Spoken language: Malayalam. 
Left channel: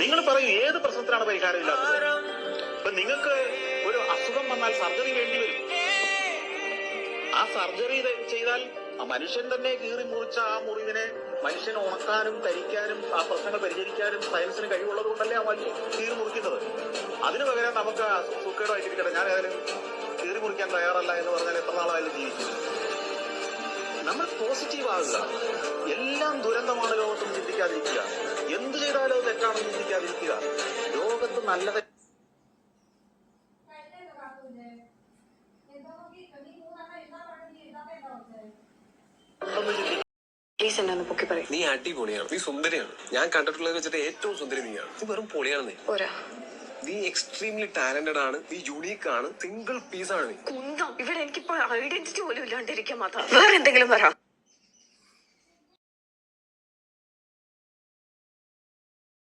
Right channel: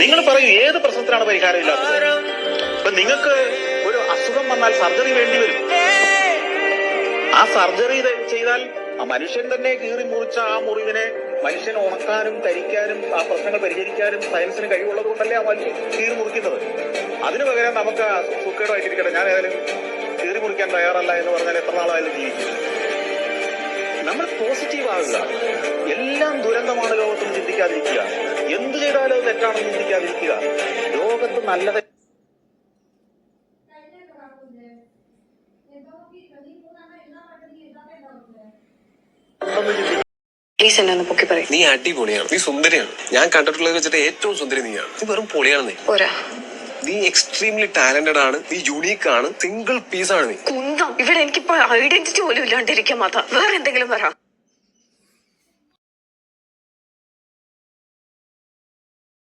നിങ്ങൾ പറയൂ, ഏത് പ്രശ്നത്തിനാണ് പരിഹാരം ഇല്ലാത്തത്? ഇപ്പൊ നിങ്ങൾക്ക് ഒരു അസുഖം വന്നാൽ സർജറി വേണ്ടി വരും. ആ സർജറി ചെയ്താൽ ആ മനുഷ്യൻ തന്നെ കീറി മുറിച്ച ആ മുറിവിനെ മനുഷ്യൻ ഉണക്കാനും കരിക്കാനും ആ പ്രശ്നങ്ങൾ പരിഹരിക്കാനും സയൻസിന് കഴിവുള്ളത് കൊണ്ടല്ലേ ആ കീറി മുറിക്കുന്നത്. അതിനു പകരം നമുക്ക് സുഖേടായിട്ടിരിക്കട്ടെ, ഞാൻ ഏതായാലും കീറി മുറിക്കാൻ തയ്യാറല്ല എന്ന് പറഞ്ഞാൽ എത്ര നാളായാലും ജീവിക്കും. നമ്മൾ പോസിറ്റീവ് ആകുക. എല്ലാം ദുരന്തമാണ് ലോകത്തും ചിന്തിക്കാതിരിക്കുക. എന്തു ചെയ്താലും തെറ്റാണെന്ന് ചിന്തിക്കാതിരിക്കുക. ലോകത്ത് നല്ലത് നീ അടിപൊളിയാണ്, നീ സുന്ദരിയാണ്. ഞാൻ കണ്ടിട്ടുള്ളത് വെച്ചിട്ട് ഏറ്റവും സുന്ദരി നീയാണ്. നീ വെറും പൊളിയാണ്. നീ എക്സ്ട്രീംലി ടാലന്റഡ് ആണ്, നീ യുണീക്ക് ആണ്, സിംഗിൾ പീസ് ആണ് നീ. ഇവിടെ എനിക്കിപ്പോ ഐഡന്റിറ്റി പോലും ഇല്ലാണ്ടിരിക്കാൻ മാത്രം വേറെ എന്തെങ്കിലും പറ.